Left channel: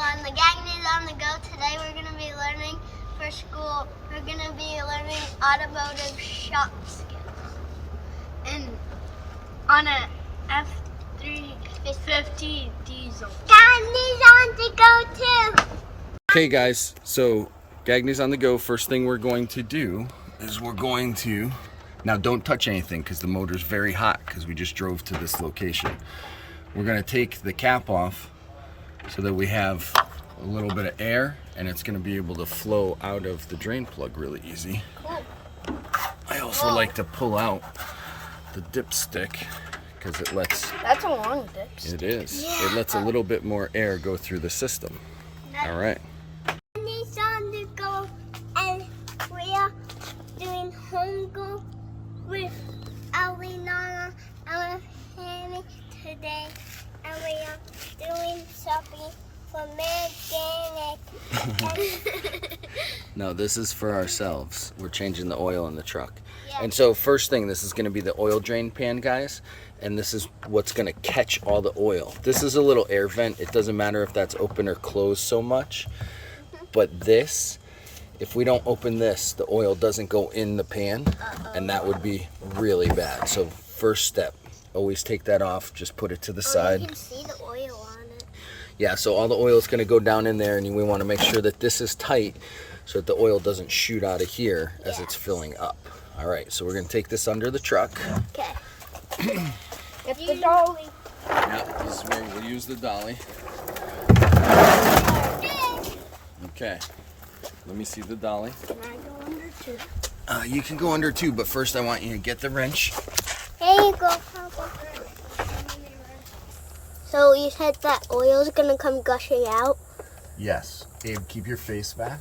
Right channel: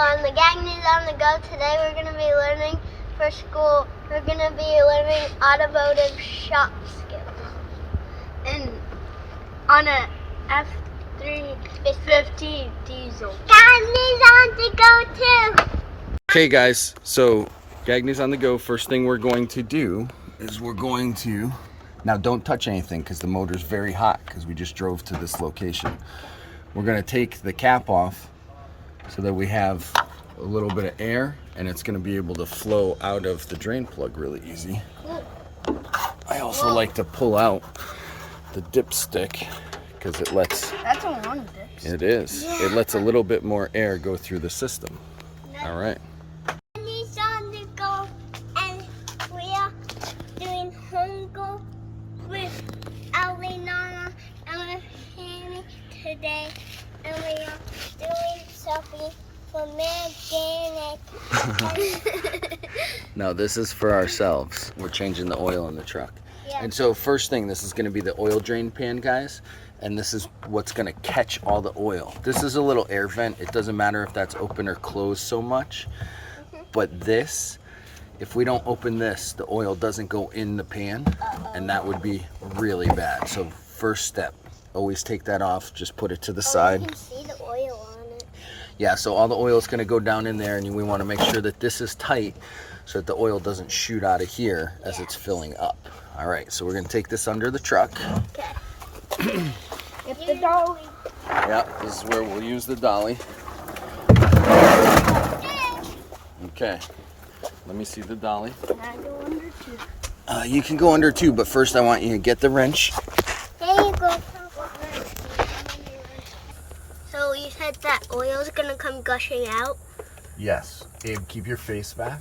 On the Gagne on the go today, we're going to be learning for school. We're going to be learning automotive shop skills. And on a F-350 diesel. Gagne's on the go too. Okay guys, so Gagne's on the go. First thing we're going to do is we're going to, now don't touch anything because the motor's very hot because we just drove to this location. We're going to take the cap off so that we have a little bit of air and it's going to be able to flow out of the drain plug really easy. I also like to pull out the dipstick because it lets, That's a long dipstick. it is, it lets a little bit more air go through the system. All right. Gagne's on the go, and we are doing home go with Alina and Hammy today, and we are doing something for mechanic. No, this is for ourselves. We're changing the oil in the truck. Yeah. And so first thing, this is going to be the oil drain pan, guys. And this is what's going to catch all the oil. This is a little air vent. It doesn't matter if that's open or closed so much. But this, if we don't open this, the oil doesn't go in the pan. And that would be really bad. So first step, always take that off. Just put it to the side. You can see the oil on it. Yeah, so all the oil is going to go down in there, and we want to make sure that this is tight so that the oil doesn't shoot out of here as it's filling up. All right, so we're going to take this under the truck. Okay. Get the dolly. Yeah, this is where we'll use the dolly. Okay, let me see the dolly. Can I go under too? You can go under too, but first I want you to get the wrench. Here you go, Papa. So you said that oil is gonna come gushing out, Yes. Abe, keep your face back.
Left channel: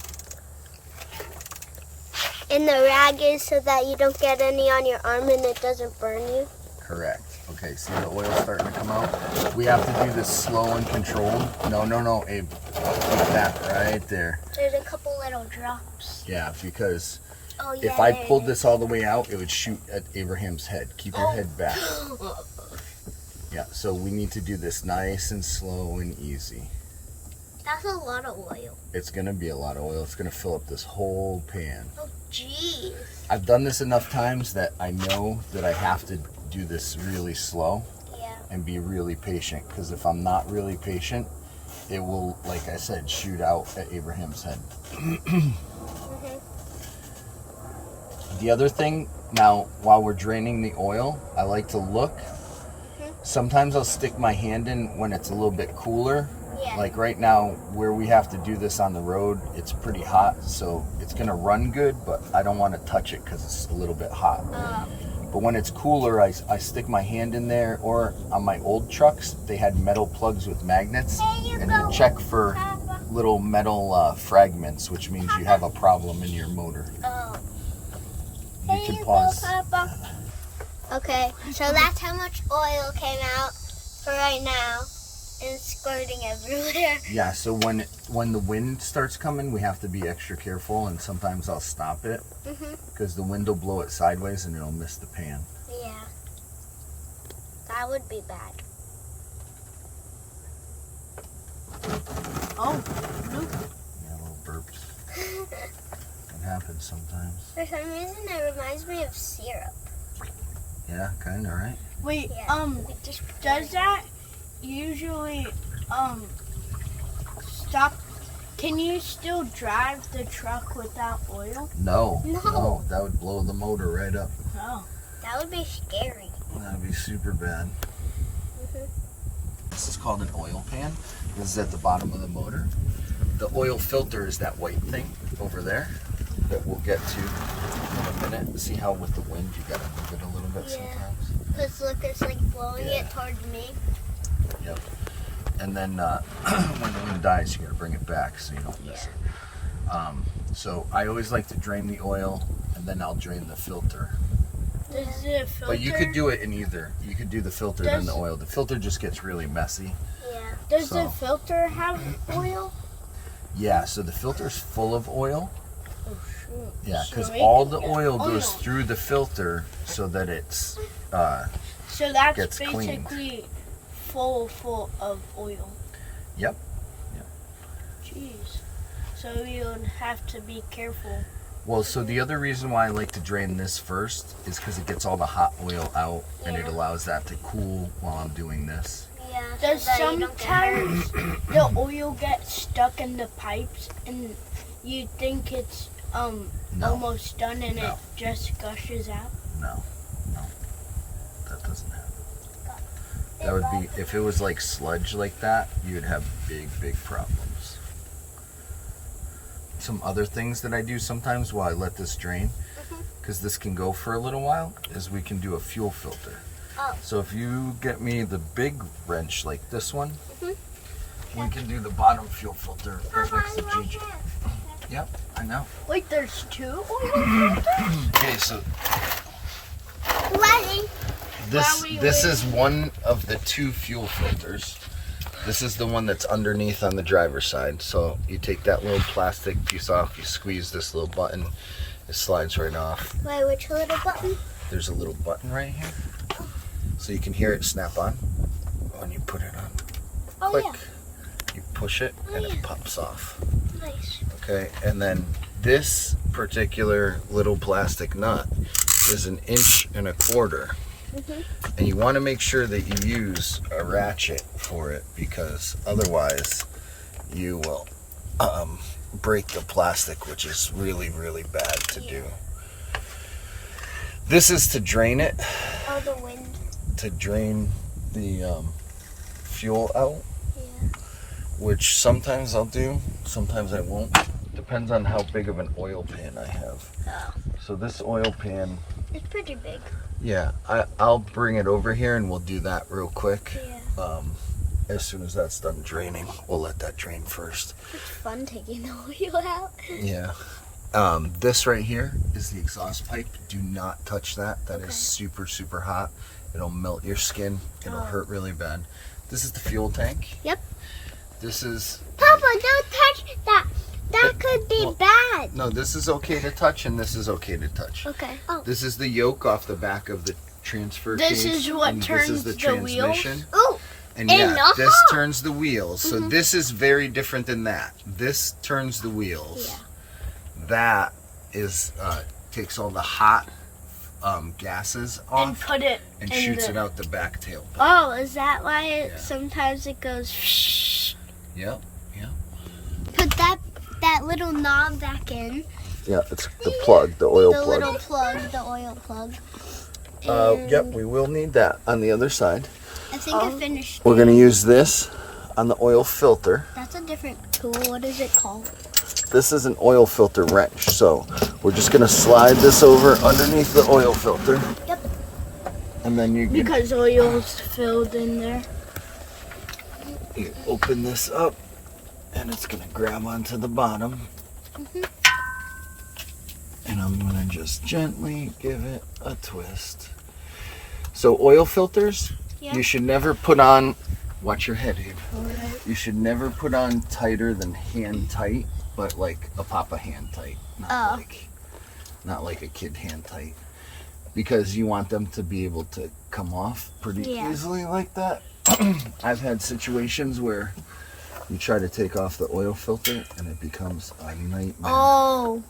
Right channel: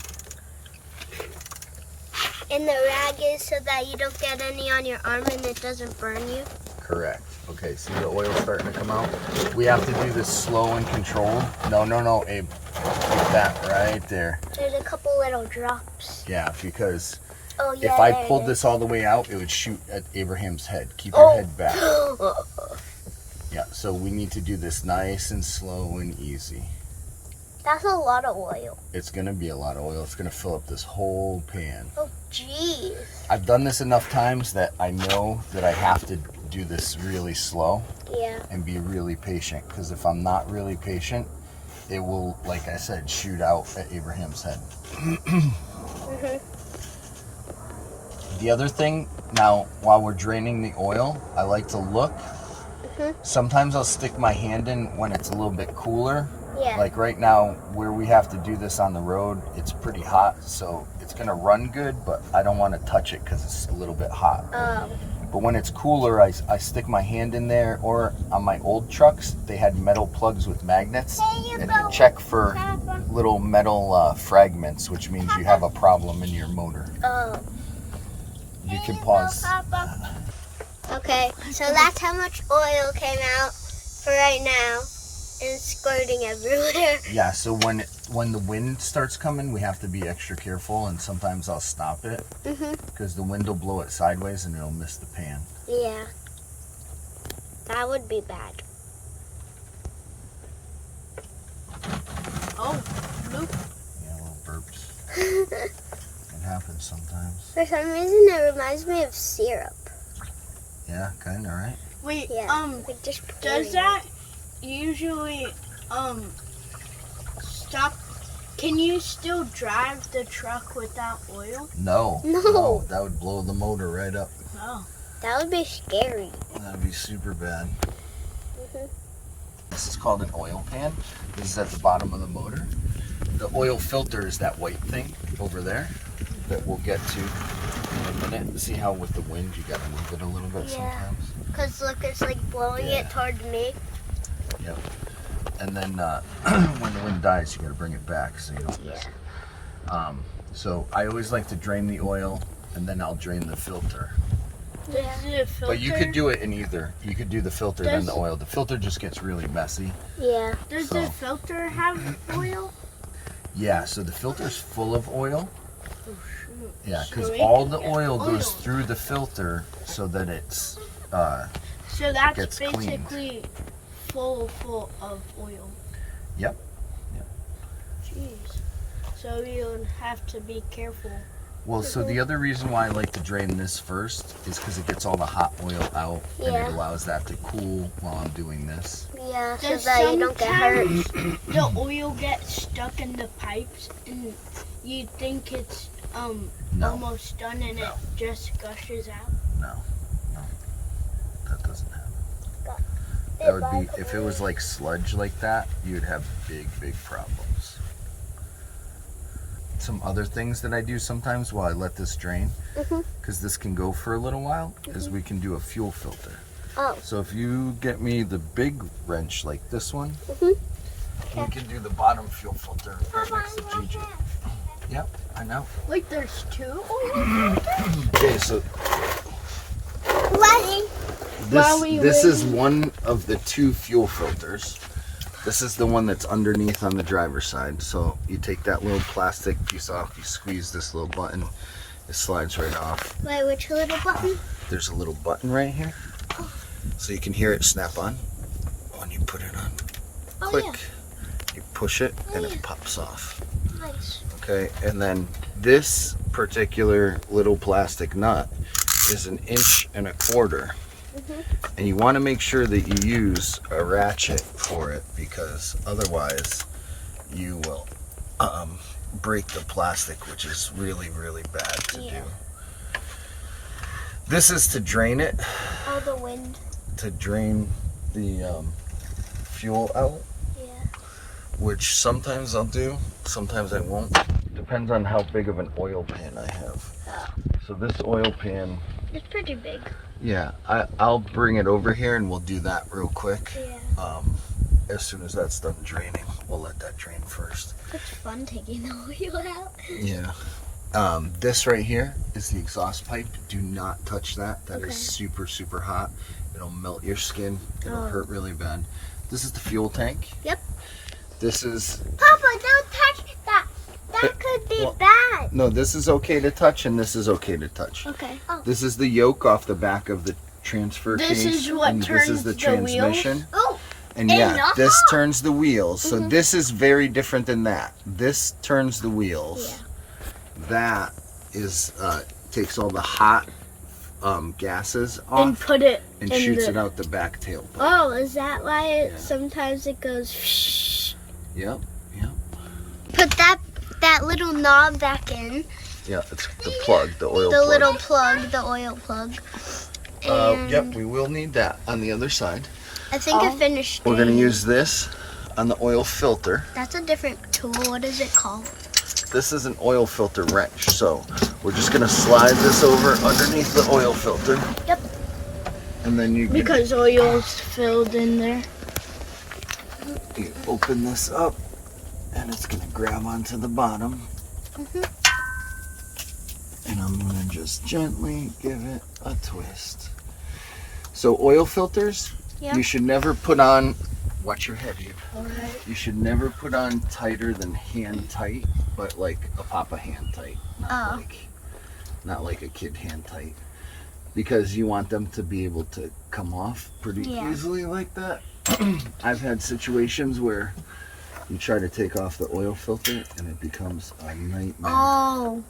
and the rag is so that you don't get any on your arm and it doesn't burn you. Correct. Okay, see the oil starting to come out? We have to do this slow and controlled. No, Abe. Like that, right there. There's a couple little drops. Yeah, because Oh yeah. if I there pulled it this all the way out, it would shoot at Abraham's head. Keep your head back. is. Yeah, so we need to do this nice and slow and easy. That's a lot of oil. It's gonna be a lot of oil. It's gonna fill up this whole pan. Oh jeez. I've done this enough times that I know that I have to do this really slow Yeah. and be really patient, because if I'm not really patient, it will, like I said, shoot out at Abraham's head. The other thing, now while we're draining the oil, I like to look. Sometimes I'll stick my hand in when it's a little bit cooler. Yeah. Like right now, where we have to do this on the road, it's pretty hot, so it's gonna run good, but I don't want to touch it because it's a little bit hot. Oh. But when it's cooler, I stick my hand in there, or on my old trucks, they had metal plugs with magnets, and you check for little metal fragments, which means you have a problem in your motor. Oh. You can pause. Papa. Okay, so that's how much oil came out for right now. And it's squirting everywhere. Yeah, so when the wind starts coming, we have to be extra careful, and sometimes I'll stop it because the wind will blow it sideways and it'll miss the pan. Yeah. That would be bad. Oh, look. Yeah, little burps. It happens sometimes. For some reason, it reminds me of syrup. Yeah, kind of, right? Wait, Yeah. Like just does pouring. that usually, stop? Can you still drive the truck without oil? No. No. That would blow the motor right up. Oh. That would be scary. That would be super bad. This is called an oil pan. This is at the bottom of the motor. The oil filter is that white thing over there that we'll get to in a minute. See how with the wind you gotta move it a little bit sometimes? Because look, it's like blowing Yeah. it towards me. Yep. And then when the wind dies, you gotta bring it back so you don't miss it. So I always like to drain the oil, and then I'll drain the filter. Does the filter? But you could do it in either. You could do the filter then the Does- oil. The filter just gets really messy. Yeah. Does the So- filter have oil? Yeah, so the filter's full of oil. Oh shoot. Yeah, because So it all can the get oil goes oil. through the filter so that it's So that's gets cleaned. basically full of oil. Yep. Jeez. So you have to be careful. Well, so the other reason why I like to drain this first is because it gets all the hot oil out and it Yeah. allows that to cool while I'm doing this. Yeah, There's so that you don't get hurt. sometimes the oil gets stuck in the pipes and you think it's No, almost done and No. it just gushes out. no, that doesn't happen. That would be, if it was like sludge like that, you'd have big problems. Some other things that I do sometimes while I let this drain, Mhm. because this can go for a little while, is we can do a fuel filter. Oh. So if you get me the big wrench like this one, Mhm. we can do the bottom fuel filter right next to Gigi. Yep, I know. Wait, there's two oil? Okay, so Letting. this is one of the two fuel filters. This is the one that's underneath on the driver's side. So you take that little plastic piece off, you squeeze this little button, it slides right off. Wait, which little button? There's a little button right here. So you can hear it snap on when you put it on. Oh, Click. yeah. You push it and yeah. it pops off. Nice. Okay, and then this particular little plastic nut is 1.25 inches. Mhm. And you want to make sure that you use a ratchet for it, because otherwise you will break the plastic, which is really bad to do. This is to drain it, Oh, the wind. to drain the fuel out, Yeah. which sometimes I'll do, sometimes I won't. Depends on how big of an oil pan I have. Oh. So this oil pan, It's pretty big. yeah, I'll bring it over here and we'll do that real quick. Yeah. As soon as that's done draining, we'll let that drain first. It's fun taking the oil out. Yeah. This right here is the exhaust pipe. Do not touch that. That Okay. is super hot. It'll melt your skin. It'll Oh. hurt really bad. This is the fuel tank. Yep. This is, Papa, don't touch that. That could be Well- bad. no, this is okay to touch and this is okay to touch. Okay. Oh. This is the yoke off the back of the transfer This case. is what and turns this is the the wheels? transmission. Oh. And yeah, Enough. this turns the wheels. So this is very different than that. This turns the wheels. Yeah. That is takes all the hot gases off And put it and in shoots the... it out the back tailpipe. Oh, is that why Yeah. sometimes it goes? Shh. Yep. Put that little knob back in. Yeah, it's the plug, the oil The plug. little plug, the oil plug. And Yep, we will need that on the other side. I think I finished. We're gonna it. use this on the oil filter. That's a different tool. What is it called? This is an oil filter wrench. So we're just gonna slide this over underneath the oil filter. Yep. And then you can Because oil's filled in there. you open this up and it's gonna grab onto the bottom. Mhm. And I'm gonna just gently give it a twist. So oil filters, Yeah. you should never put on, watch your head, Abe. Alright. You should never put on tighter than hand tight, but like a papa hand tight. Oh. Not like a kid hand tight. Because you want them to be able to come off pretty Yeah. easily like that. I've had situations where you try to take off the oil filter and it becomes a nightmare. Oh.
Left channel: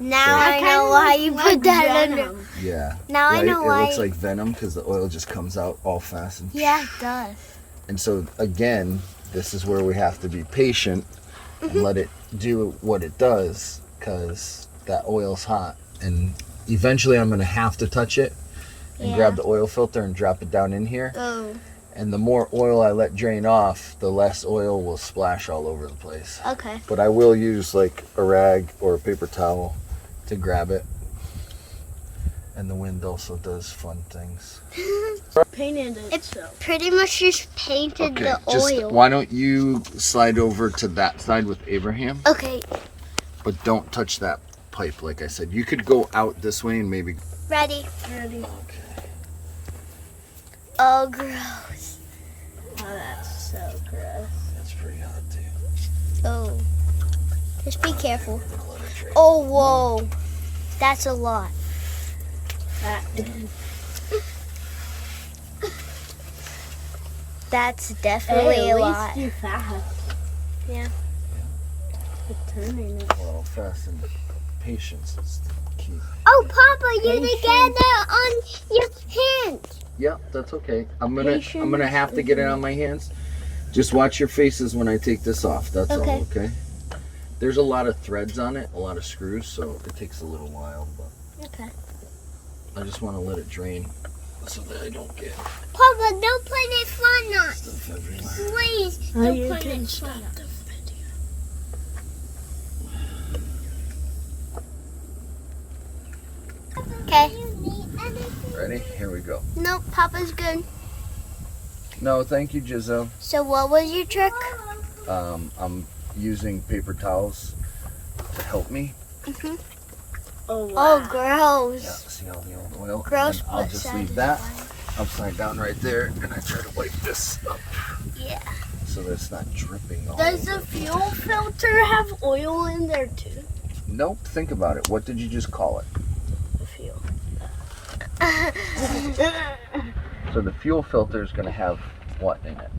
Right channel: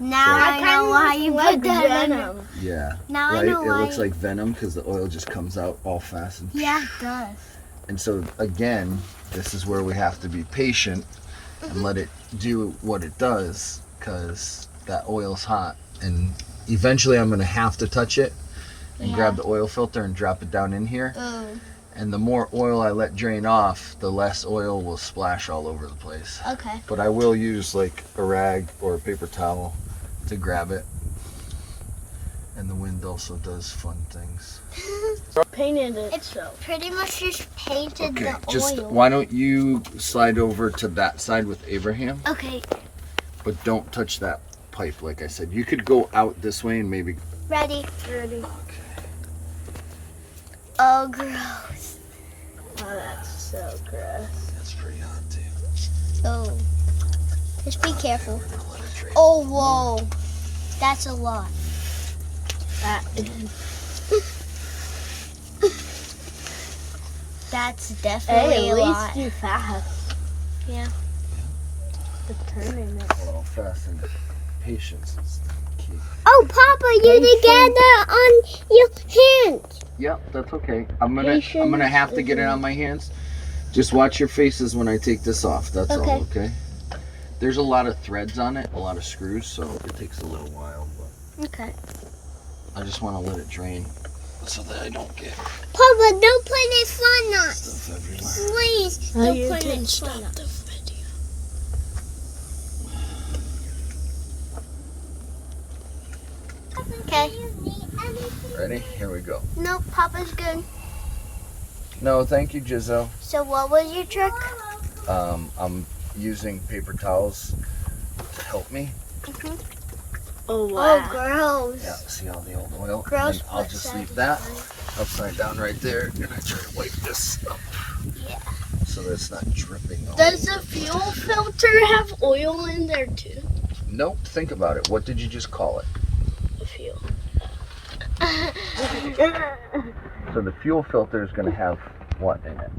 Now So- I know why you put that in. Venom. Yeah. Now right? I know It why. looks like venom because the oil just comes out all fast. Yeah, it does. And so again, this is where we have to be patient and let it do what it does, because that oil's hot. And eventually I'm gonna have to touch it and Yeah. grab the oil filter and drop it down in here. Oh. And the more oil I let drain off, the less oil will splash all over the place. Okay. But I will use like a rag or a paper towel to grab it. And the wind also does fun things. Painted it It's so. pretty much just painted Okay, the just oil. why don't you slide over to that side with Abraham, Okay. but don't touch that pipe like I said. You could go out this way and maybe... Ready. Ready. Oh, gross. Oh, that's so gross. That's pretty hot too. Oh. Just be careful. I'll let it drain. Oh, whoa. That's a lot. That's definitely Hey, a at lot. least you fast. Yeah. turning it. Well, fast and patience is key. Oh, Papa, you did get it on your hands. Yeah, that's okay. I'm gonna have to get it on my hands. Just watch your faces when I take this off. That's all, okay? There's a lot of threads on it, a lot of screws, so it takes a little while. But Okay. I just want to let it drain so that I don't get Papa, don't put it fun on. stuff everywhere. Please, don't put it fun on. Okay. Ready? Here we go. Nope, Papa's good. No, thank you, Jizzo. So what was your trick? I'm using paper towels to help me. Oh, wow. Oh, gross. Yeah, see all the old oil? Gross, And then I'll but just leave that upside down right there, and I try to wipe this up Yeah. so that it's not dripping all Does over the fuel filter have oil in there too? Nope, think about it. What did you just call it? The fuel. So the fuel filter is going to have what in it?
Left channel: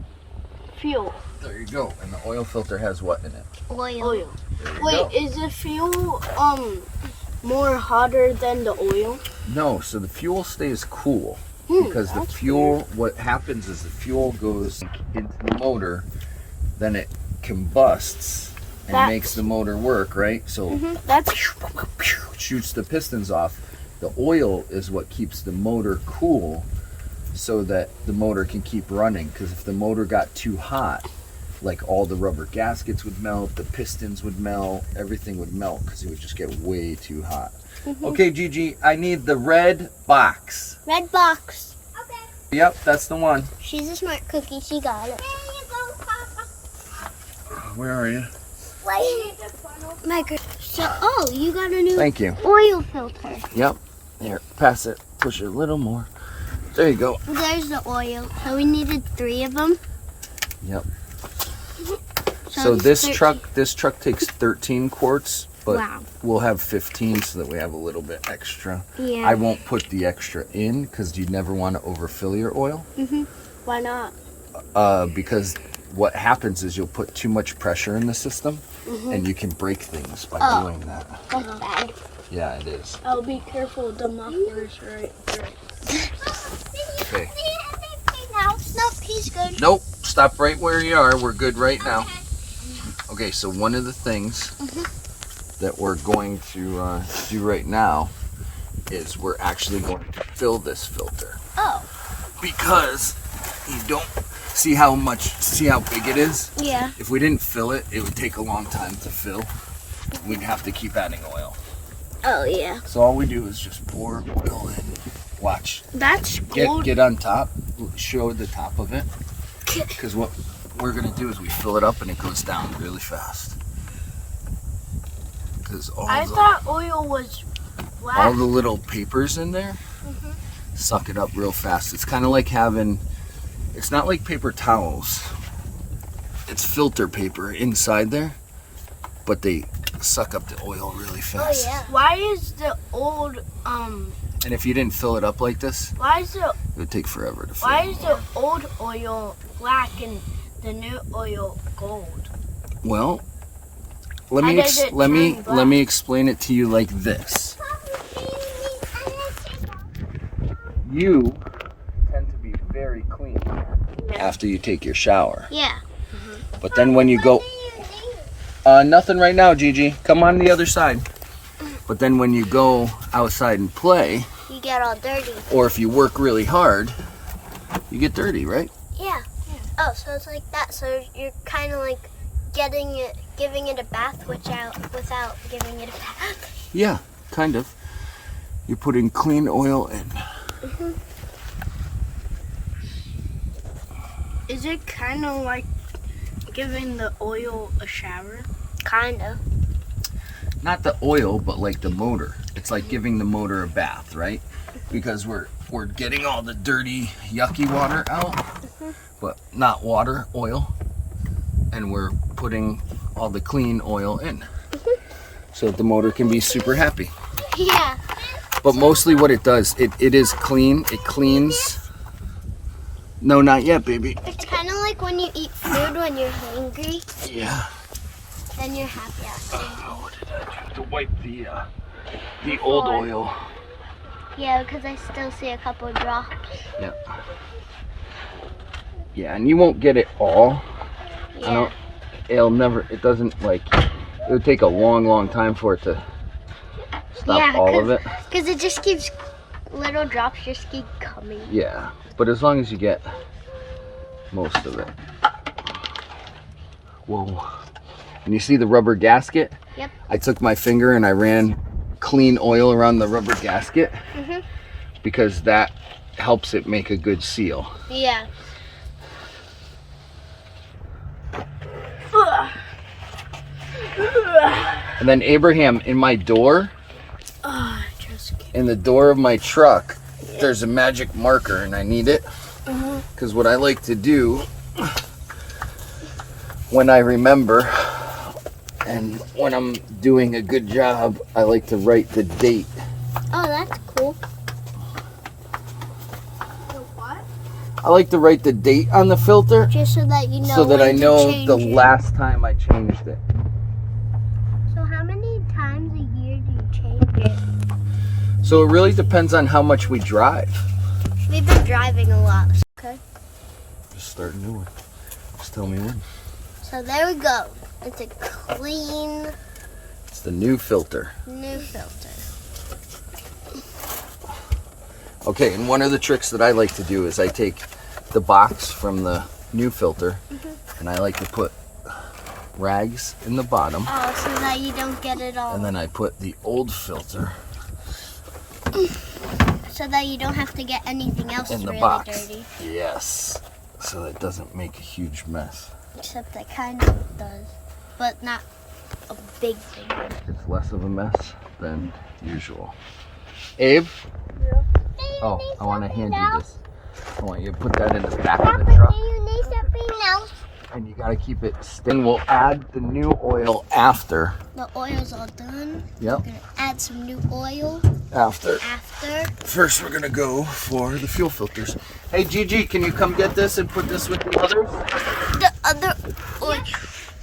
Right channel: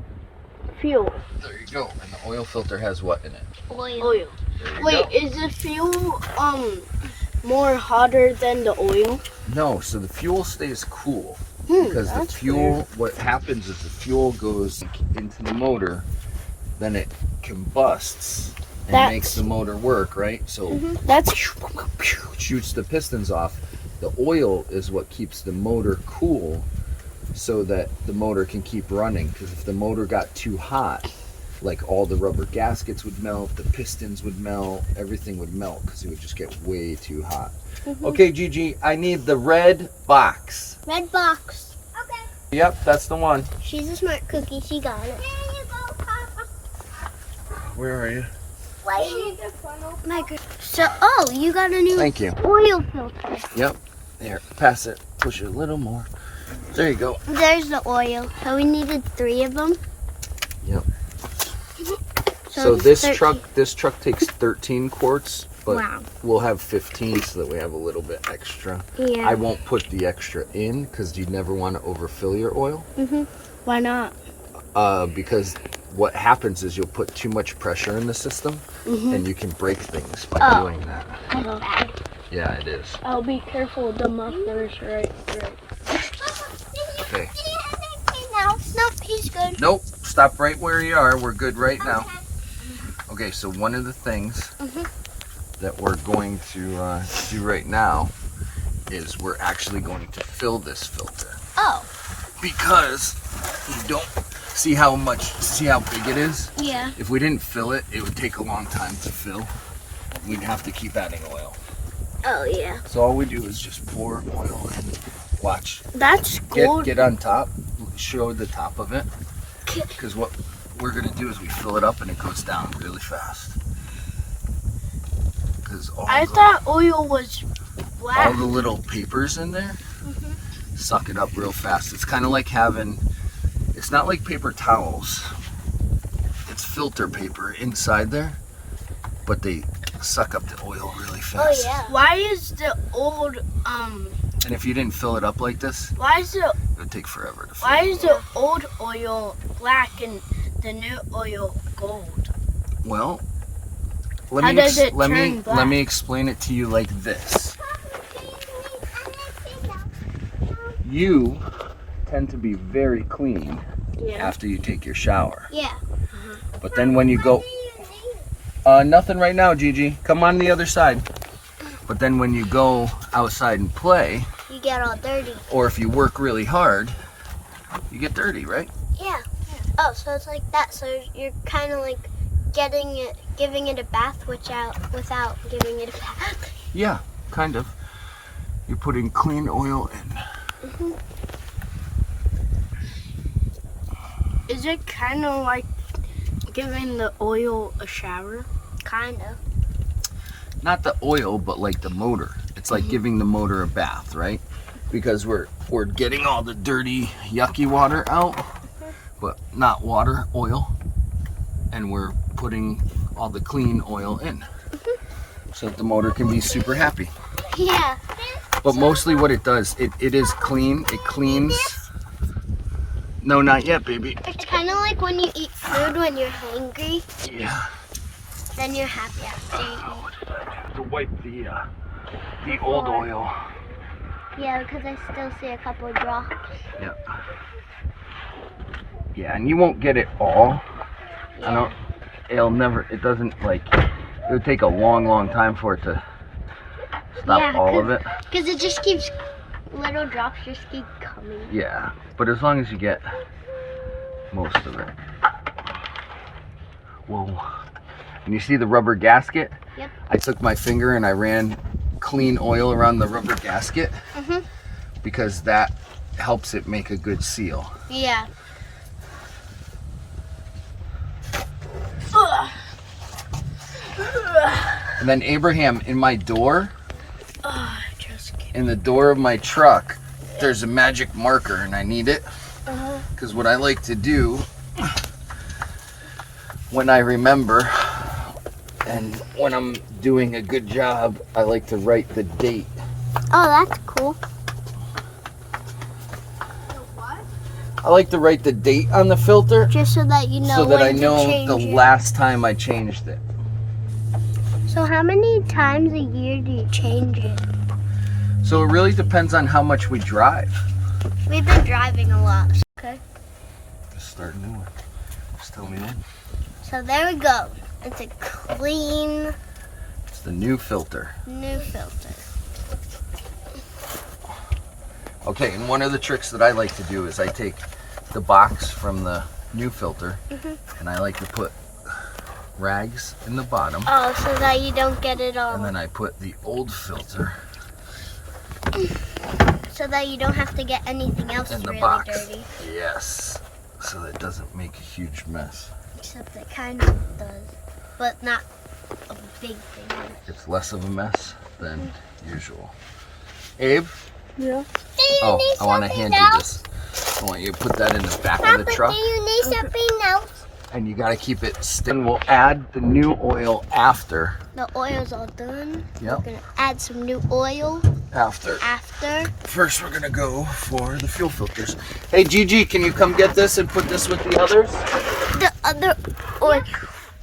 Fuel. There you go. And the oil filter has what in it? Oil. Oil. There you Wait, go. is the fuel more hotter than the oil? No, so the fuel stays cool because the fuel, what happens is the fuel goes into the motor, then it combusts and makes the motor work, right? So That's shoots the pistons off. The oil is what keeps the motor cool so that the motor can keep running, because if the motor got too hot, like all the rubber gaskets would melt, the pistons would melt, everything would melt because it would just get way too hot. Okay, Gigi, I need the red box. Red box. Okay. Yep, that's the one. She's a smart cookie. She got it. There you go, Papa. Where are you? So, oh, you got a new Thank you. oil filter. Yep. Here, pass it. Push it a little more. There you go. There's the oil. So we needed 3 of them. Yep. So it's this truck takes 13 quarts, but Wow. we'll have 15 so that we have a little bit extra. Yeah. I won't put the extra in because you never want to overfill your oil. why not? Because what happens is you'll put too much pressure in the system and you can break things by doing that. That's bad. Yeah, it is. I'll be careful. The muffler's right. Okay. Nope, he's good. Nope. Stop right where you are. We're good right now. Okay, so one of the things that we're going to do right now is we're actually going to fill this filter. Oh. Because you don't see how big it is. Yeah. If we didn't fill it, it would take a long time to fill. We'd have to keep adding oil. Oh, yeah. So all we do is just pour oil in. Watch. That's gold. Get on top. Show the top of it. Because what we're going to do is we fill it up and it goes down really fast. Because I thought oil was all black. the little papers in there suck it up real fast. It's kind of like having, it's not like paper towels. It's filter paper inside there, but they suck up the oil really fast. Oh, yeah. Why is the old And if you didn't fill it up like this, why is the it would take forever to fill. why is the old oil black and the new oil gold? Well, How does it turn black? let me explain it to you like this. You tend to be very clean after you take your shower. Yeah. But then when you go, nothing right now, Gigi. Come on the other side. But then when you go outside and play, You get all dirty. or if you work really hard, you get dirty, right? Yeah. Oh, so it's like that. So you're kind of like giving it a bath without giving it a bath. Yeah, kind of. You're putting clean oil in. Is it kind of like giving the oil a shower? Kind of. Not the oil, but like the motor. It's like giving the motor a bath, right? Because we're getting all the dirty, yucky water out, but not water, oil. And we're putting all the clean oil in. So that the motor can be super happy. Yeah. But mostly what it does, it is clean. It cleans. No, not yet, baby. It's kind of like when you eat food when you're hungry. Yeah. Then you're happy after you eat. To wipe the old Before. oil. Yeah, because I still see a couple drops. Yep. Yeah, and you won't get it all. Yeah. It doesn't like, it would take a long time for it to stop all of it. Because it just keeps, little drops just keep coming. Yeah, but as long as you get most of it. Whoa. And you see the rubber gasket? Yep. I took my finger and I ran clean oil around the rubber gasket because that helps it make a good seal. Yeah. And then Abraham, in my door, in the door of my truck, there's a magic marker and I need it. Because what I like to do when I remember and when I'm doing a good job, I like to write the date. Oh, that's cool. I like to write the date on the filter Just so that you know so that when I to know change the it. last time I changed it. So how many times a year do you change it? So it really depends on how much we drive. We've been driving a lot. Okay. Just start a new one. Just tell me when. So there we go. It's a clean It's the new filter. new filter. Okay, and one of the tricks that I like to do is I take the box from the new filter and I like to put rags in the bottom, Oh, so that you don't get it all. and then I put the old filter So that you don't have to get anything else in the really box. dirty. Yes, so that it doesn't make a huge mess. Except it kind of does. But not a big thing. It's less of a mess than usual. Abe? Yeah. Oh, I want to hand you this. I want you to put that in the back of the truck. Do you need something else? And you got to keep it still. We'll add the new oil after. The oil's all done. Yep. We're going to add some new oil After. after. First, we're gonna go for the fuel filters. Hey, Gigi, can you come get this and put this with the others? The other oil.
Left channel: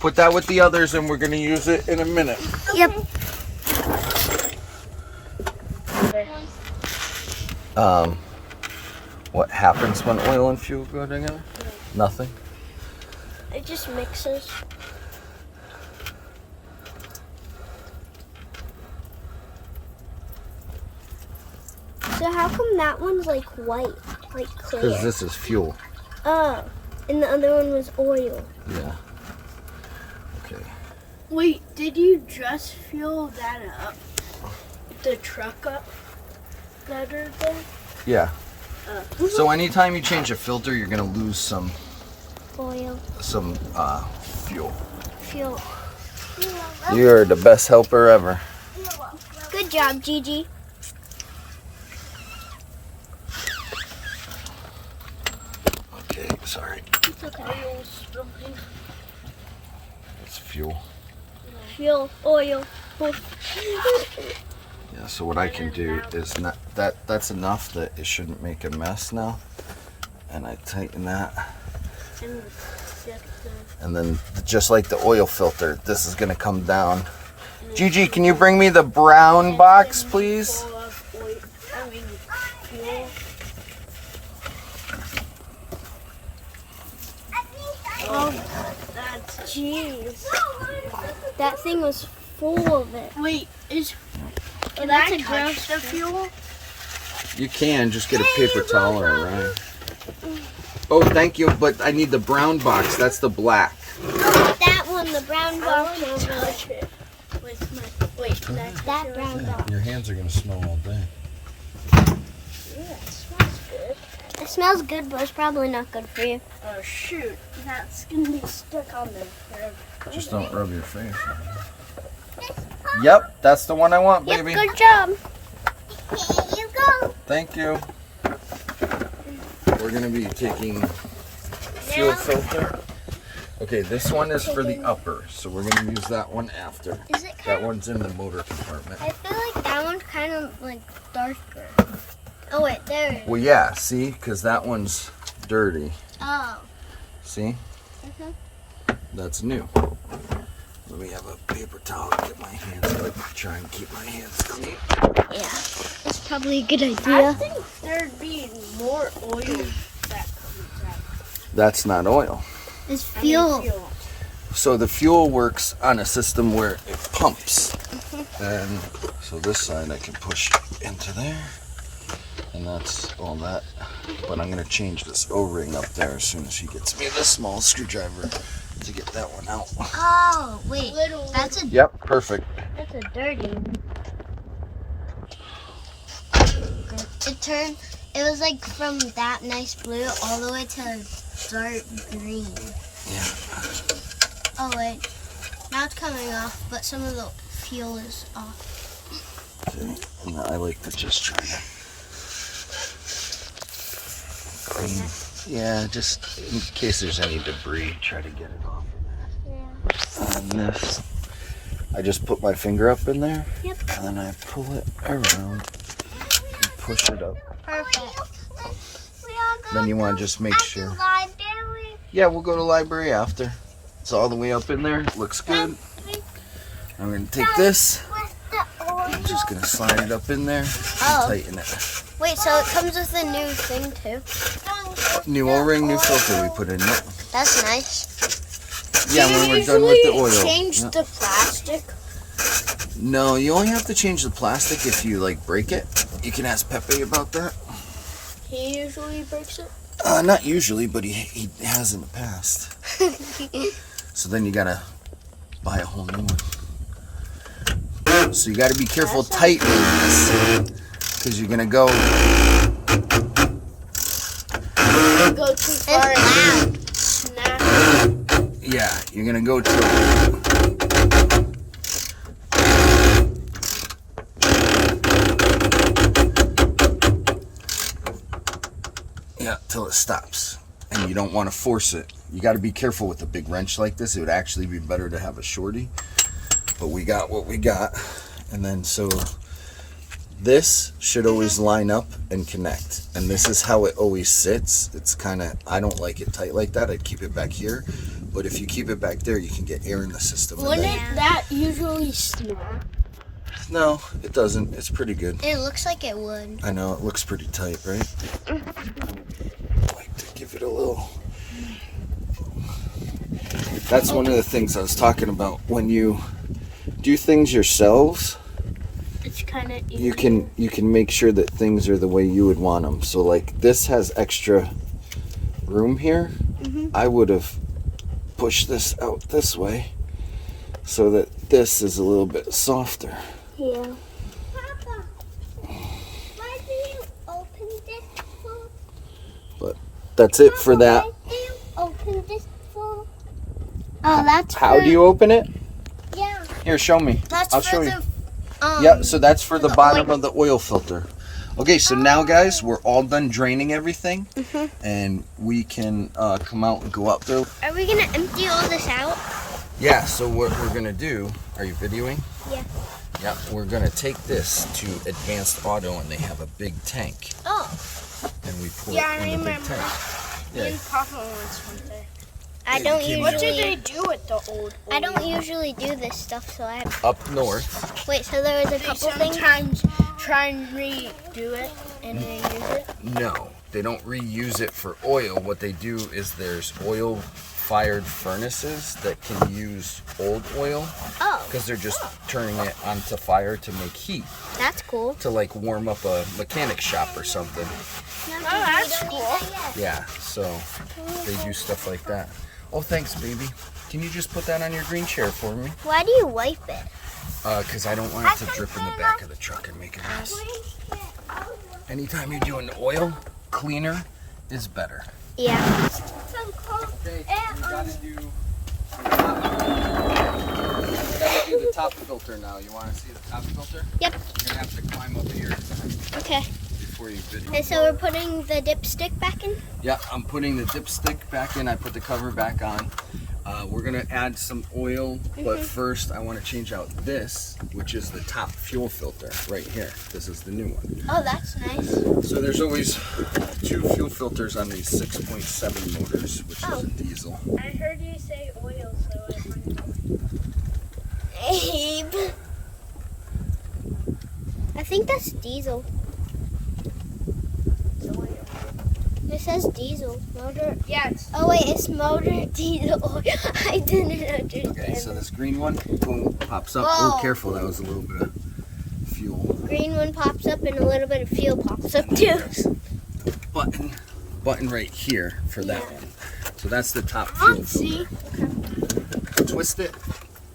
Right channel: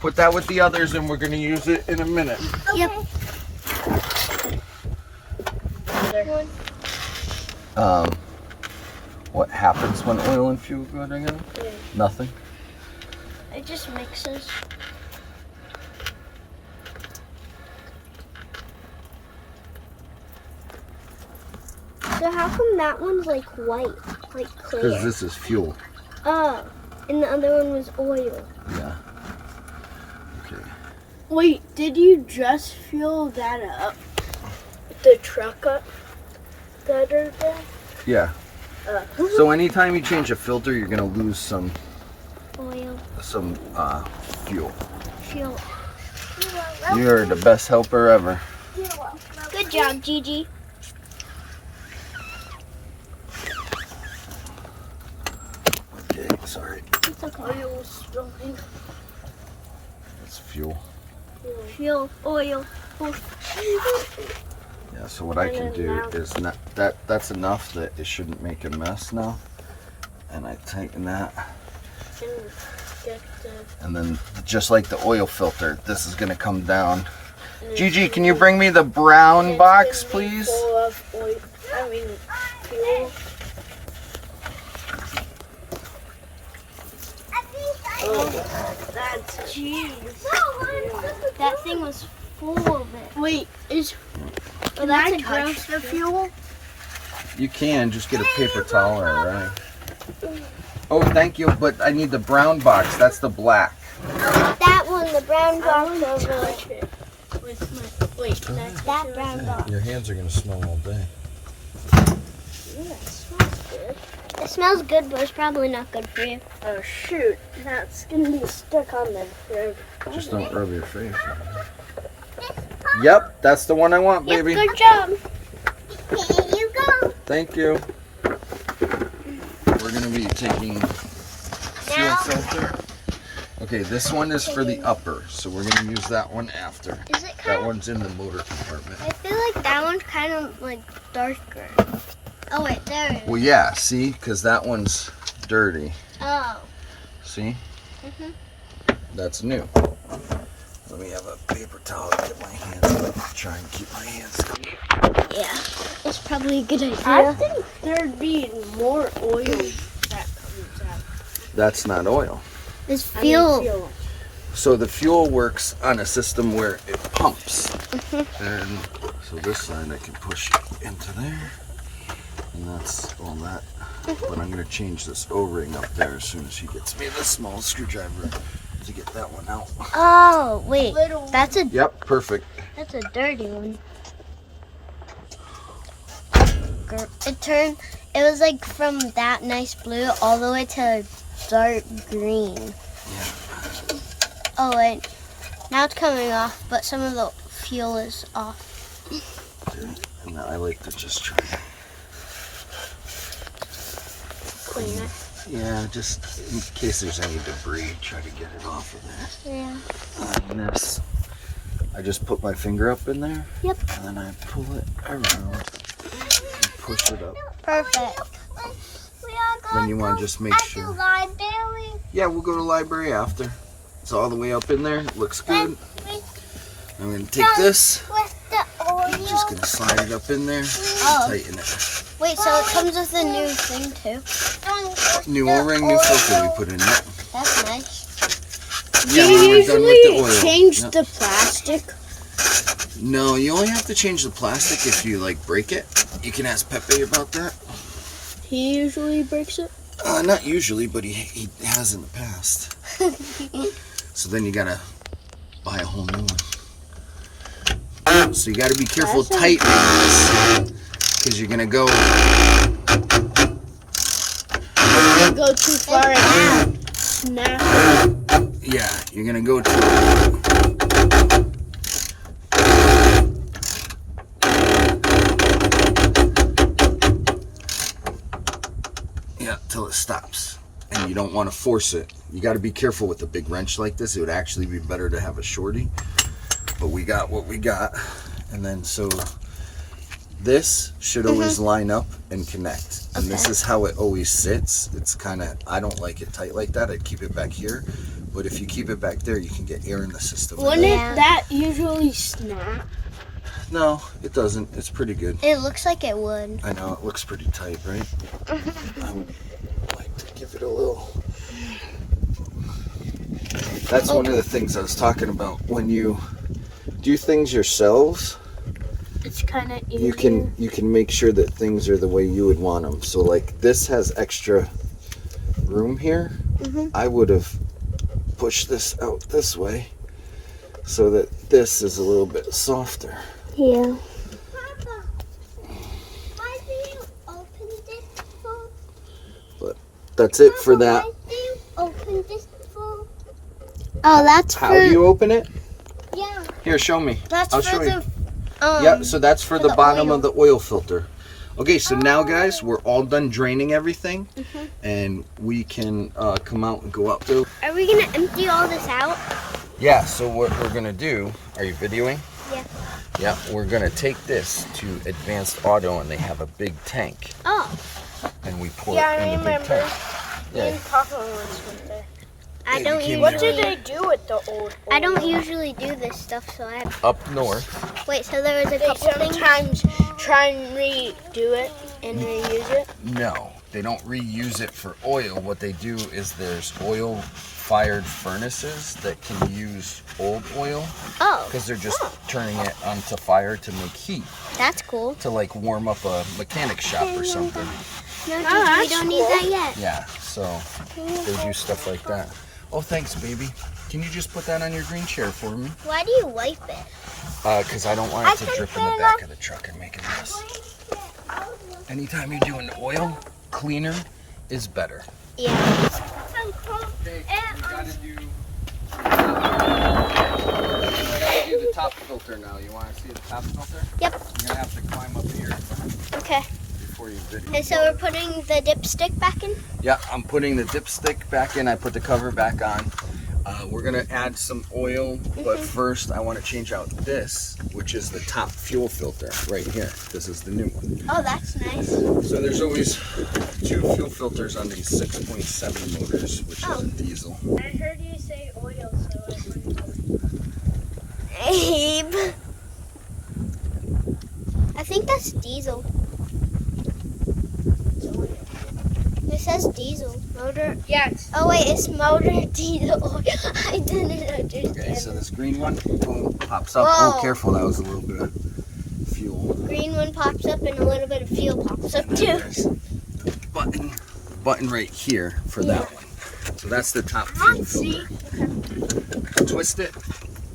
Put that with the others, and we're gonna use it in a minute. Yep. What happens when oil and fuel go together? Yeah. Nothing. It just mixes. So how come that one's like white, like clear? Because this is fuel. Oh, and the other one was oil. Yeah. Okay. Wait, did you just fill that up? The truck up the other day? Yeah. So anytime you change a filter, you're gonna lose some Oil, fuel. fuel. You're the best helper ever. Good job, Gigi. Okay, sorry. It's okay. Oil spilling. It's fuel. Fuel, oil. Yeah, so what I can do is not that's enough that it shouldn't make a mess now. And I tighten that. And get the And then just like the oil filter, this is gonna come down. Gigi, can you bring me the brown box, please? full of oil. I mean, fuel. Oh, that's Jeez. That thing was full of it. wait. Is Oh, that's a touch gross the fuel. fuel? You can just get a paper towel or a rag. Oh, thank you, but I need the brown box. That's the black. That one, the brown box over there. Touch it with my wait. That's That brown box. Your hands are gonna smell all day. yeah, it smells good. It smells good, but it's probably not good for you. Oh shoot, that's gonna be stuck on there. Just don't rub your face. Yep, that's the one I want, Yep, baby. good job. Here you go. Thank you. We're gonna be taking fuel Now, filter. Okay, this one is for the upper, so we're gonna use that one after. is it That kind of? one's in the motor compartment. I feel like that one's kind of like darker. Oh wait, there it is. Well, yeah, see, because that one's dirty. Oh. See? Mhm. That's new. Let me have a paper towel to get my hands up. Try and keep my hands clean. Yeah, that's probably a good I idea. think there'd be more oil that comes out. That's not oil. It's I mean, fuel. So the fuel works on a system where it pumps. And so this side I can push into there. And that's all that. But I'm gonna change this O-ring up there as soon as he gets me this small screwdriver to get that one out. Oh, wait. Little That's a Yep, perfect. dirty one. It was like from that nice blue all the way to dark green. Yeah. Oh wait, now it's coming off, but some of the fuel is off. Okay. And I like to just try to. Clean it. Yeah, just in case there's any debris, try to get it off of there. Yeah. And this, I just put my finger up in there. Yep. And then I pull it around and push it up. Perfect. Then you want to just make sure. Library. Yeah, we'll go to library after. It's all the way up in there. Looks good. I'm going to take this. I'm just going to slide it up in there. Oh. Tighten it. Wait, so it comes with a new thing too? New O-ring, new filter we put in it. That's nice. Yeah, Do when you we're done with the usually oil. change Yep. the plastic? No, you only have to change the plastic if you like break it. You can ask Pepe about that. He usually breaks it. Not usually, but he has in the past. So then you gotta buy a whole new one. So you gotta be careful tightening this, because you're gonna go. Don't go too far and snap. Yeah, you're gonna go to. Yeah, till it stops. And you don't want to force it. You got to be careful with a big wrench like this. It would actually be better to have a shorty. But we got what we got. And then so this should always line up and connect. And this is how it always sits. It's kind of, I don't like it tight like that. I'd keep it back here. But if you keep it back there, you can get air in the system. Wouldn't Yeah. that usually snap? No, it doesn't. It's pretty good. It looks like it would. I know, it looks pretty tight, right? I would like to give it a little. That's one of the things I was talking about. When you do things yourselves, It's kind of you can make sure that things are the way you would want them. So like this has extra room here. I would have pushed this out this way so that this is a little bit softer. Yeah. Papa, why do you open this for? That's it for that. Why do you open this for? Oh, that's How do you open it? Yeah. Here, show me. That's I'll for show you. the Yep, so that's for the the bottom oil. of the oil filter. Okay, so now guys, we're all done draining everything, and we can come out and go up there. Are we gonna empty all this out? Yeah, so what we're gonna do, are you videoing? Yeah. Yeah, we're gonna take this to Advanced Auto, and they have a big tank, Oh. and we pour Yeah, it I in the big remember. tank. Yeah, Papa once went there. I Yeah, don't you What usually. did they do with the old? I don't usually do this stuff, so I. up north. Wait, so there was a They couple things. sometimes try and redo it and reuse it. No, they don't reuse it for oil. What they do is there's oil-fired furnaces that can use old oil, Oh, because they're just turning it onto fire to make heat, that's cool. to like warm up a mechanic shop or something. No, we that's don't need cool. that yet. Yeah, so they do stuff like that. Oh, thanks, baby. Can you just put that on your green chair for me? Why do you wipe it? Because I don't want it to drip in the back of the truck and make a mess. Anytime you're doing oil, cleaner is better. Yeah. Okay, we gotta do the top filter now. You want to see the top filter? Yep. You're gonna have to climb up here Okay. before you video. Okay, so we're putting the dipstick back in. Yeah, I'm putting the dipstick back in. I put the cover back on. We're gonna add some oil, but first I want to change out this, which is the top fuel filter right here. This is the new one. Oh, that's nice. So there's always two fuel filters on these 6.7 motors, which is a diesel. I heard you say oil, so I Abe. I think that's diesel. It says diesel. Motor. Yes. Oh wait, it's motor diesel. I didn't understand. Okay, so this green one, boom, pops up. Whoa. Oh, careful, that was a little bit of fuel. Green one pops up and a little bit of fuel pops up And too. then there's button right here for that one. So that's the top fuel filter. Twist it,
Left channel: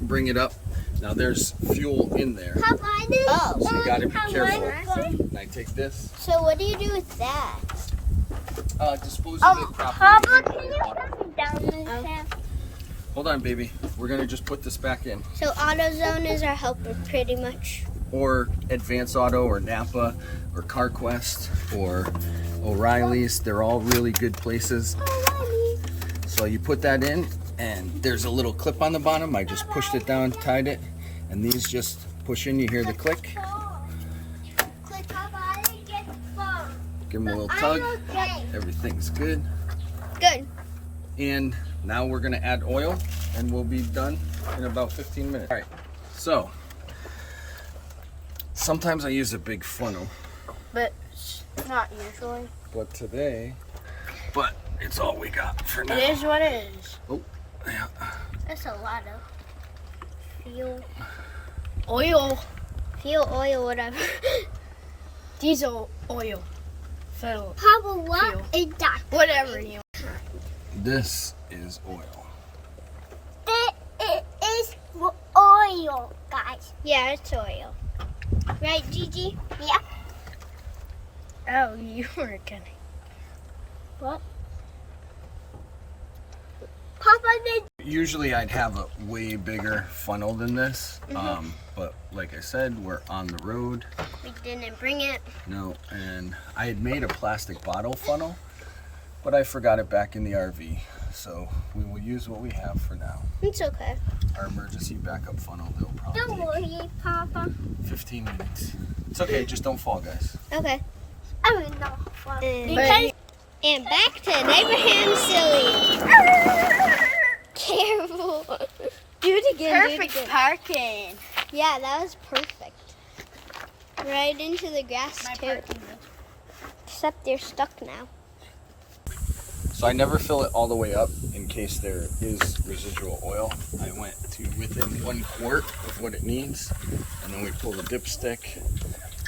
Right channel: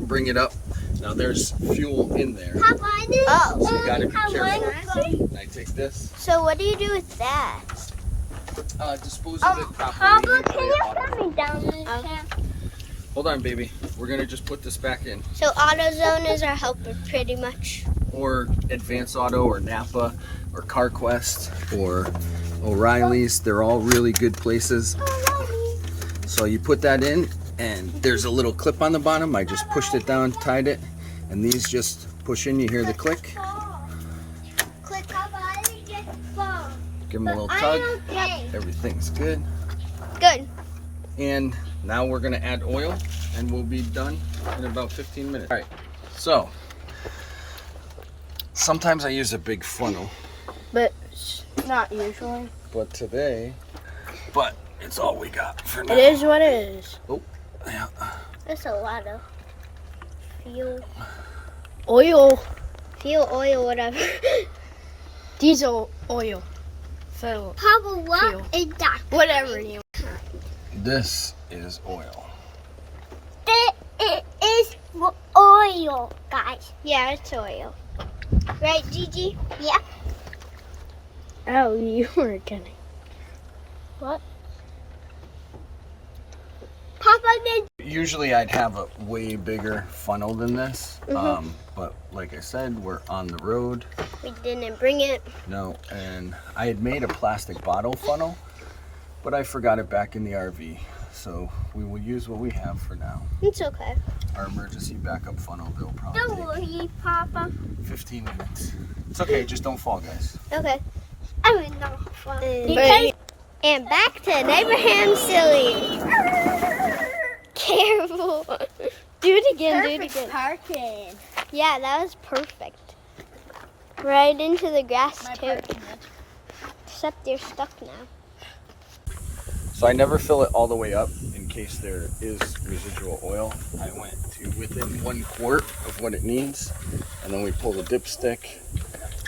bring it up. Now there's fuel in there. Papa, I did. Oh. So you gotta be careful. And I take this, So what do you do with that? dispose of it properly. Papa, can usually you auto- put me down this Oh. chair? Hold on, baby. We're gonna just put this back in. So AutoZone is our helper pretty much. Or Advance Auto, or Napa, or CarQuest, or O'Reilly's. They're all really good places. So you put that in, and there's a little clip on the bottom. I just pushed it down, tied it, and these just push in. You hear the click. Click, Papa, I didn't get the phone. Give them a little tug. Okay. Everything's good. Good. And now we're gonna add oil, and we'll be done in about 15 minutes. All right, so sometimes I use a big funnel, But not usually. but today, it's all we got for now. It is what it is. Yeah. That's a lot of fuel. Oil. Fuel, oil, whatever. Diesel oil. So, Papa, what Fuel. is that? whatever you This is oil. It is oil, guys. Yeah, it's oil. Right, Gigi? Yeah. Oh, you were kidding. Papa, did Usually I'd have a way bigger funnel than this, but like I said, we're on the road. We didn't bring it. No, and I had made a plastic bottle funnel, but I forgot it back in the RV. So we will use what we have for now. It's okay. Our emergency backup funnel, they'll probably don't take worry, Papa. 15 minutes. It's okay, just don't fall, guys. Okay. I mean, no. Papa. And back to Abraham Silly. Careful. Do it again. Do it again. parking. Yeah, that was perfect. Right into the grass too. Except you're stuck now. So I never fill it all the way up in case there is residual oil. I went to within 1 quart of what it needs, and then we pull the dipstick.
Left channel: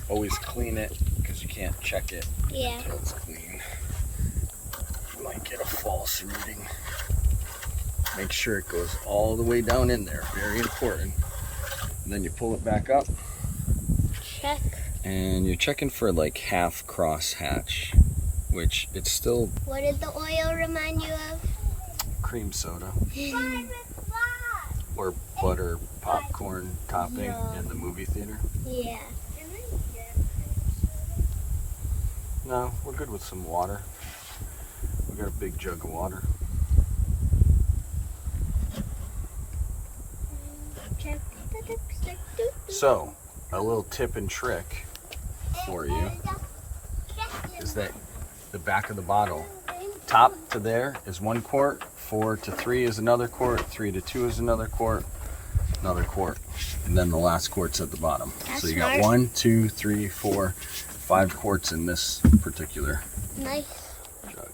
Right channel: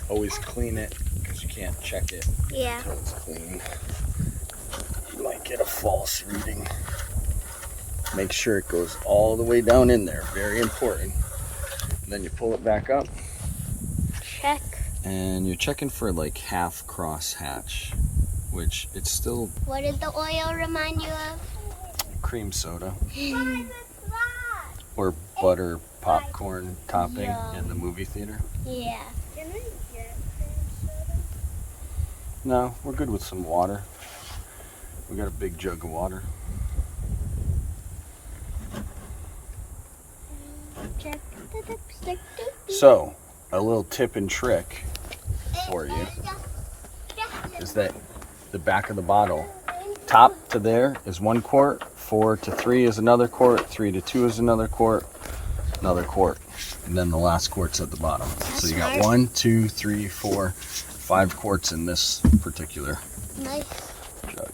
Always clean it because you can't check it Yeah. until it's clean. You might get a false reading. Make sure it goes all the way down in there. Very important. And then you pull it back up, Check. and you're checking for like half cross hatch, which it's still What did the oil remind you of? cream soda or butter popcorn topping in the movie theater. Yeah. No, we're good with some water. We got a big jug of water. Check the dipstick. So, a little tip and trick for you is that the back of the bottle, top to there is 1 quart, 4 to 3 is another quart, 3 to 2 is another quart, and then the last quart's at the bottom. So you got smart. 1, 2, 3, 4, 5 quarts in this particular Nice. jug.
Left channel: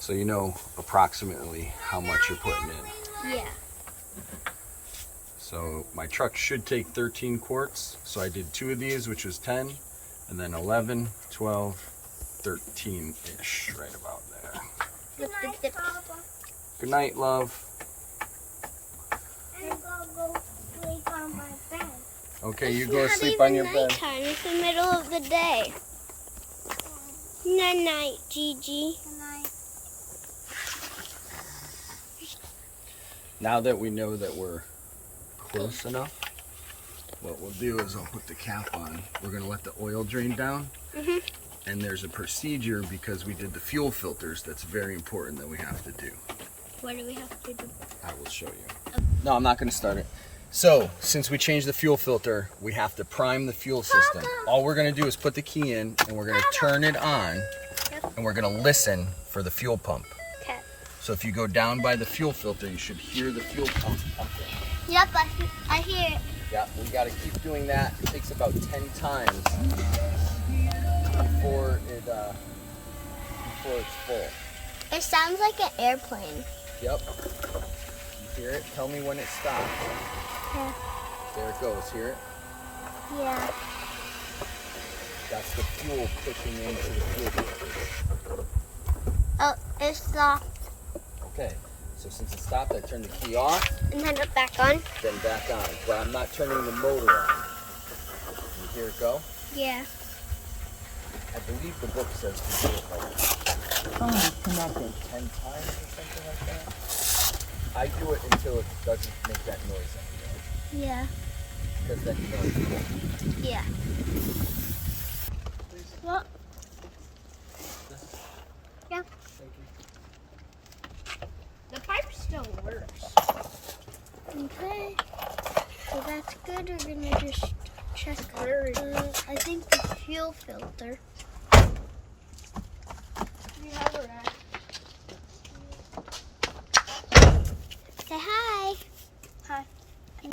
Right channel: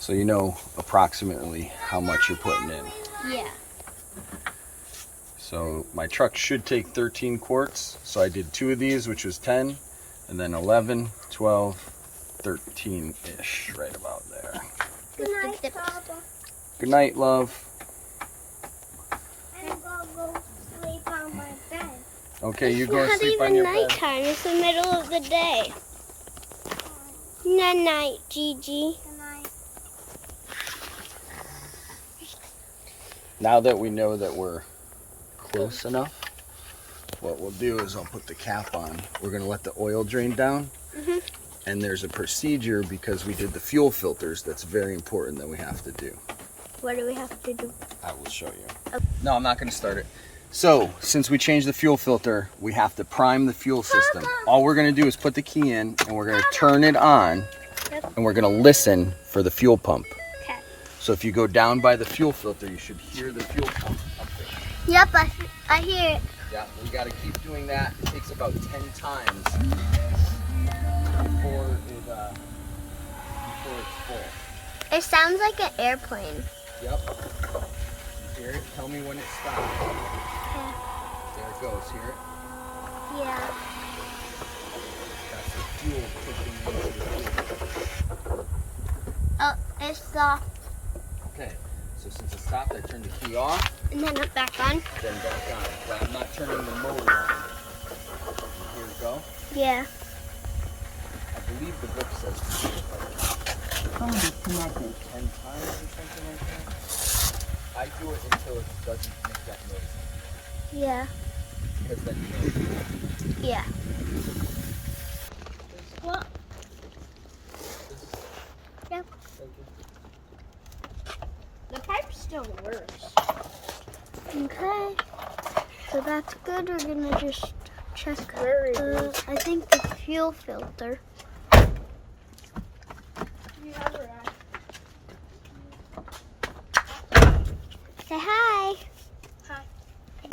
So you know approximately how much you're putting in. Yeah. So my truck should take 13 quarts. So I did 2 of these, which was 10, and then 11, 12, 13-ish, right about there. With the dip. Good night, love. I'm going to sleep on my bed. Okay, you It's go not sleep on even your bed. nighttime. It's the middle of the day. Night night, Gigi. Good night. Now that we know that we're close enough, what we'll do is I'll put the cap on. We're gonna let the oil drain down. Mhm. And there's a procedure because we did the fuel filters that's very important that we have to do. What do we have to do? I will show you. No, I'm not gonna start it. So, since we changed the fuel filter, we have to prime the fuel system. All we're gonna do is put the key in and we're gonna turn it on. Yep. And we're gonna listen for the fuel pump. Okay. So if you go down by the fuel filter, you should hear the fuel pump pumping. Yep, I hear it. Yeah, we got to keep doing that. It takes about 10 times before it's full. It sounds like an airplane. Yep. You hear it? Tell me when it stops. Yeah. There it goes. Hear it? Yeah. That's the fuel pushing into the fuel filter. Oh, it stopped. Okay. So since it stopped, I turned the key off, And then it back on? then back on. But I'm not turning the motor on. You hear it go? Yeah. I believe the book says fuel filter. Phone disconnected. 10 times or something like that. I do it until it doesn't make that noise anymore. Yeah. Because then you know it's full. Yeah. What? Yeah. Thank you. The pipe still works. Okay. So that's good. We're gonna just check I think the fuel filter. Say hi. Hi.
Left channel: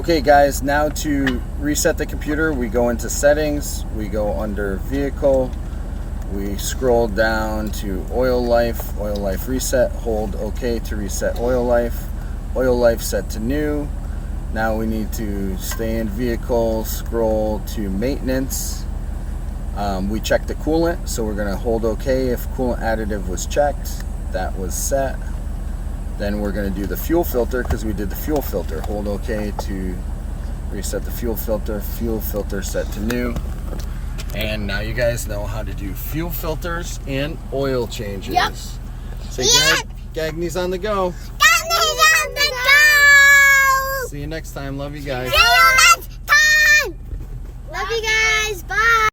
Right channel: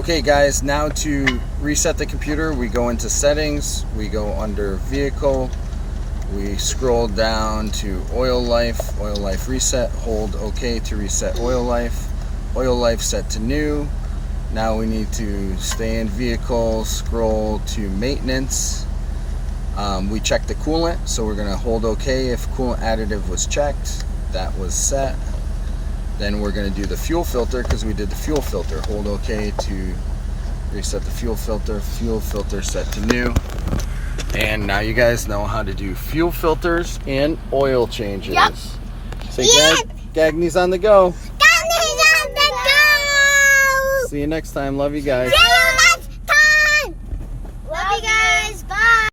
Okay guys, now to reset the computer, we go into settings, we go under vehicle, we scroll down to oil life reset, hold OK to reset oil life set to new. Now we need to stay in vehicle, scroll to maintenance. We checked the coolant, so we're gonna hold OK if coolant additive was checked. That was set. Then we're going to do the fuel filter because we did the fuel filter. Hold OK to reset the fuel filter set to new. And now you guys know how to do fuel filters and oil changes. Yep. Say Gagne's on the go. Gagne's on the go! See you next time. Love you guys. See you